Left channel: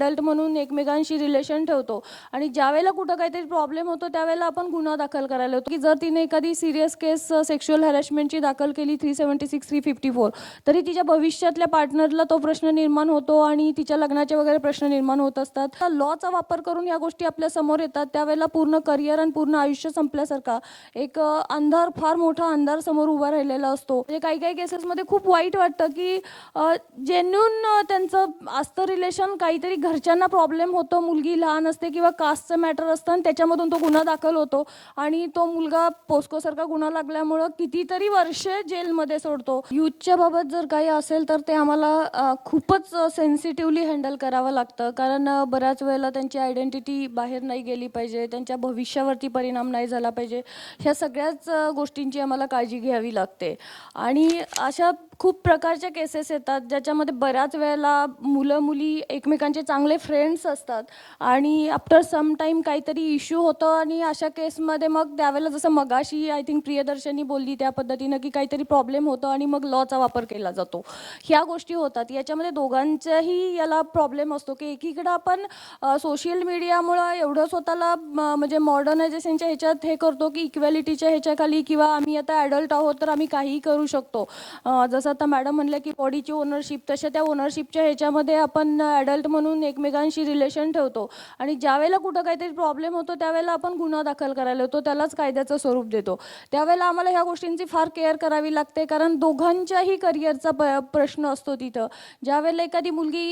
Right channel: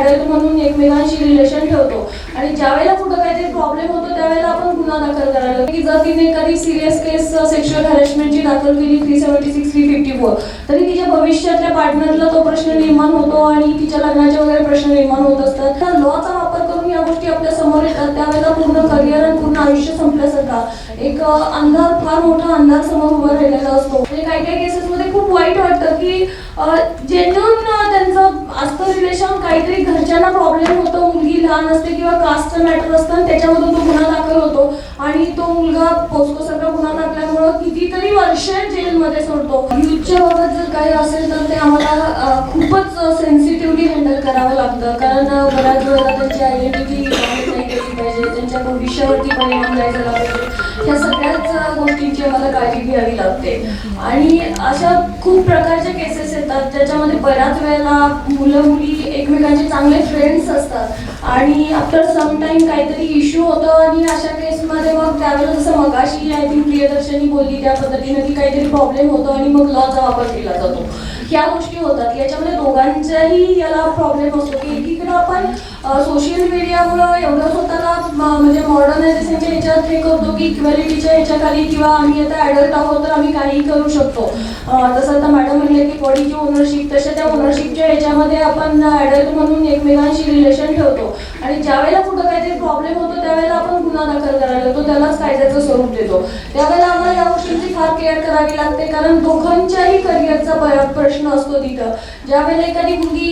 Adult म्हणून एकमेकांशी relation ठेवतो. आणि ज्यावेळेला कुठं काहीतरी प्रॉब्लेम होतो त्यावेळेला आपण गुन्हा दाखल करायला की जर तिने एखादी सिरियस केस सेक्शुअल हॅरेसमेंटची दाखल केली three seventy six three fifty four तरी तिच्या भविष्यातल्या पार्टनरला तो प्रश्न निर्माण होतो आणि तिच्या लग्नाचे वगैरे प्रश्न निर्माण होत असतात. तर लॉचा वापर करून या गोष्टी आपल्यासमोर येतात. त्यावेळेला पूर्ण करिअर आणि पूर्ण आयुष्य संपल्यासारखा एक अंधार फार मोठा अंधार समोर उभा राहिलेला असतो. म्हणजे काही काही केसेसमध्ये खूप वाईट वाटतं की जेन्युन त्यांचं आजकाल रिलेशन काहीतरी प्रॉब्लेम होतो. मुलगी लहान असते किंवा कास्ट मॅटर असतं आणि त्याच्यामधून तो गुन्हा दाखल होतो. आणि तो मुलगा पोस्कोसारखा गुन्हा दाखल्यामुळं कितीतरी वर्ष जेलमध्ये सोडतो. युथच्या बाबत जर काही असेल तर ते आम्हाला खूपच सेन्सिटिव्हली हँडल करावं लागतं. कारण बऱ्याच वेळा त्यांची आयडेंटिटी पाहिजे त्यांच्या भविष्यावरती परिणाम द्यायचा लागतो. मला काळजी घ्यावी लागते. आणि अशा खूप प्रकारच्या केसेस येतात ज्याच्यामध्ये बऱ्याच वेळेला मुलं मुली एकमेकांचे चांगले फ्रेंड्स असतात. आणि आफ्टर सम टाइम काहीतरी इश्यू होतो आणि अशा केसमध्ये मग त्यावेळेला जसं मगाशी आय थिंक प्रियदर्शनी बोलली त्या पद्धतीने की काहीतरी प्रॉब्लेम होतो आणि मग लॉचा वापर केला. ह्या गोष्टी होतात याच्यामध्ये दोघांच्याही याला प्रॉब्लेम असतो. की एकीकडे आपण सोशल मीडियामुळं एवढं स्वतःला म्हणजे मॉडर्नायझेशनच्या ह्याच्यात हे करतो की इक्वॅलिटीच्या ह्याच्याखाली किंवा आम्ही आता ॲडल्ट आहोत तर आम्ही काही करू शकतो. जसं आता मॅडम म्हणले की बॉडीची ओनरशिप तसे त्या ओनरशिपच्या ह्याच्यामध्ये आपण ॲडल्ट म्हणून एकमेकांशी रिलेशन ठेवतो. आणि ज्यावेळेला कुठं काहीतरी प्रॉब्लेम होतो त्यावेळेला आपण गुन्हा दाखल करायला लागतो त्यालाच कायद्याचं स्वरूप देतो त्यावेळेला आम्हाला या गोष्टींची फार केअर करावी लागते कारण दोघांच्याही करिअरचा प्रश्न असतो तिथं. ज्यावेळेला एखादी मुलगी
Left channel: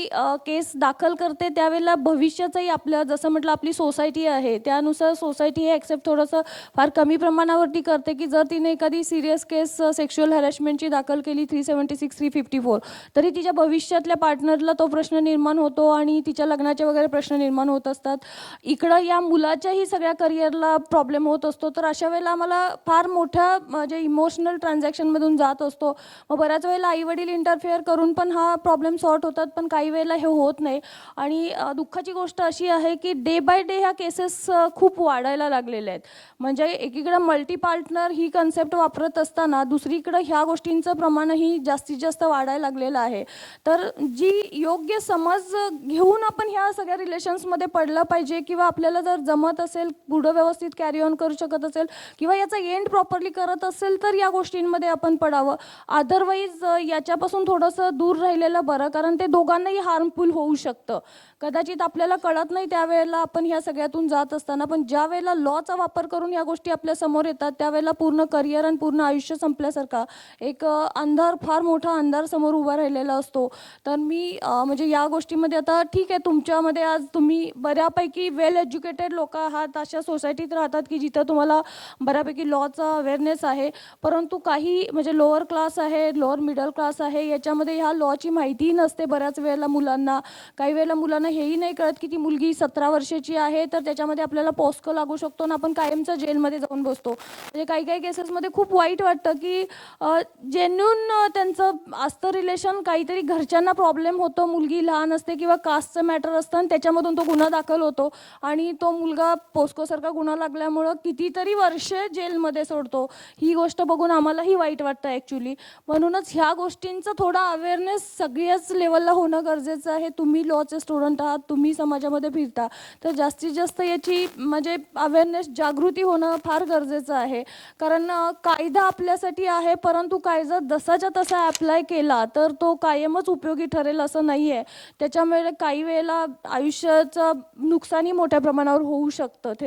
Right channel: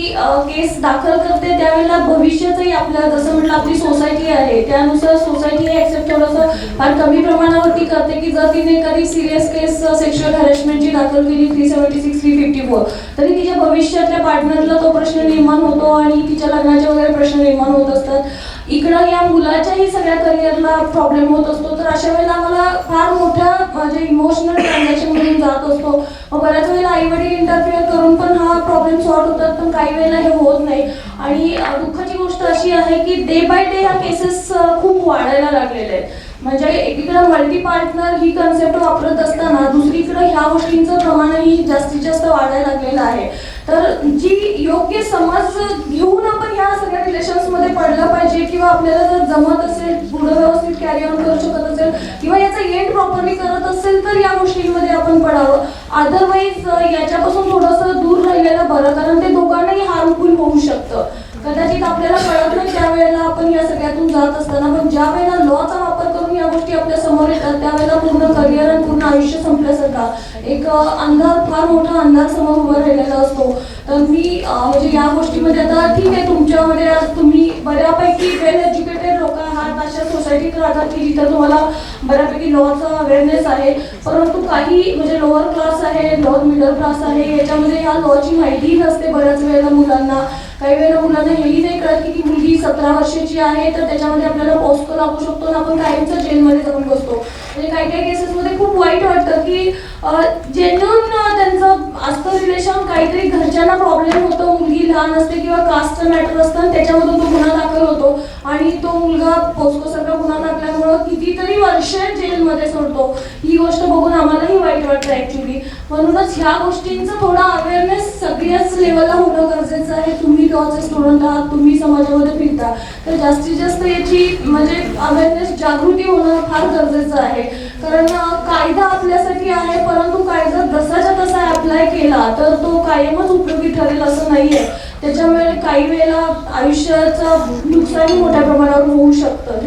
केस दाखल करते त्यावेळेला भविष्याचंही आपल्या जसं म्हटलं आपली सोसायटी आहे. त्यानुसार सोसायटी ऍक्सेप्ट थोडंसं फार कमी प्रमाणावरती करते की जर तिने एखादी सिरियस केस सेक्शुअल हॅरेसमेंटची दाखल केली three seventy six three fifty four तरी तिच्या भविष्यातल्या पार्टनरला तो प्रश्न निर्माण होतो आणि तिच्या लग्नाचे वगैरे प्रश्न निर्माण होत असतात. इकडं या मुलाच्याही सगळ्या करिअरला प्रॉब्लेम होत असतो तर अशा वेळेला आम्हाला फार मोठ्या म्हणजे इमोशनल ट्रान्झॅक्शन मधून जात असतो मग बऱ्याच वेळेला आई वडील इंटरफिअर करून पण हा प्रॉब्लेम सॉल्व्ह होतात पण काही वेळेला हे होत नाही. आणि दुःखाची गोष्ट अशी आहे की डे बाय डे ह्या केसेस खूप वाढायला लागलेल्या आहेत. म्हणजे एकीकडे मल्टी पार्टनर ही कन्सेप्ट वापरत असताना दुसरीकडे ह्या गोष्टींचं प्रमाणही जास्तीत जास्त वाढायला लागलेलं आहे. तर जी योग्य समज घेऊन आपण ह्या सगळ्या रिलेशन्समध्ये पडलं पाहिजे किंवा आपल्याला जर जमत असेल पुढं व्यवस्थित कॅरी ऑन करू शकत असेल किंवा याचा एंड प्रॉपरली करत असेल तर या गोष्टींमध्ये आपण पडावं. अदरवाईज याच्यापासून थोडंसं दूर आपल्याला बरं कारण ते दोघांनाही हार्मफुल होऊ शकतं. कदाचित आपल्याला कळत नाही त्यावेळेला आपण या सगळ्यातून जात असताना पण ज्या वेळेला लॉचा वापर करून या गोष्टी आपल्यासमोर येतात त्यावेळेला पूर्ण करिअर आणि पूर्ण आयुष्य संपल्यासारखा एक अंधार फार मोठा अंधार समोर उभा राहिलेला असतो. तर मी म्हणजे या गोष्टीमध्ये आता ठीक आहे तुमच्यामध्ये आज तुम्ही बऱ्यापैकी वेल एज्युकेटेड सोसायटीत राहतात की जिथं तुम्हाला बऱ्यापैकी लॉचा अवेअरनेस आहे. परंतु काही म्हणजे लोअर क्लास आहे लोअर मिडल क्लास आहे याच्यामध्ये या लॉची माहिती नसते बऱ्याच वेळेला मुलांना. काही वेळेला मुलांना हेही नाही कळत की मुलगी सतरा वर्षाची आहे तर त्याच्यामध्ये आपल्याला पोस्को लागू शकतो आणि आपण कायमचं जेलमध्ये जाऊन बसतो. म्हणजे काही काही केसेसमध्ये खूप वाईट वाटतं की जेन्युन त्यांचं असतं रिलेशन काहीतरी घरच्यांना प्रॉब्लेम होतो मुलगी लहान असते किंवा कास्ट मॅटर असतं त्याच्यामधून तो गुन्हा दाखल होतो. आणि तो मुलगा पोस्को सारखा गुन्हा दाखल्यामुळं कितीतरी वर्ष जेलमध्ये सोडतो. ही गोष्ट बघून आम्हालाही वाईट वाटतं ऍक्च्युली म्हणूनच ह्या गोष्टींचा थोडा अवेअरनेस सगळ्याच लेवलला होणं गरजेचं आहे. तुम्ही लॉचे स्टुडंट आहात तुम्ही समाजामध्ये फिरता. तर जास्तीत जास्त याची म्हणजे अवेअरनेस जागृती होणं फार गरजेचं आहे. कारण कायदा आपल्यासाठी आहे परंतु कायदा जसाच्या तसा अप्लाय केला तर तो कायमच उपयोगी ठरेल असं नाहीये. त्याच्यामुळे काही वेळेला आयुष्याचं नुकसानही मोठ्या प्रमाणावर होऊ शकतं.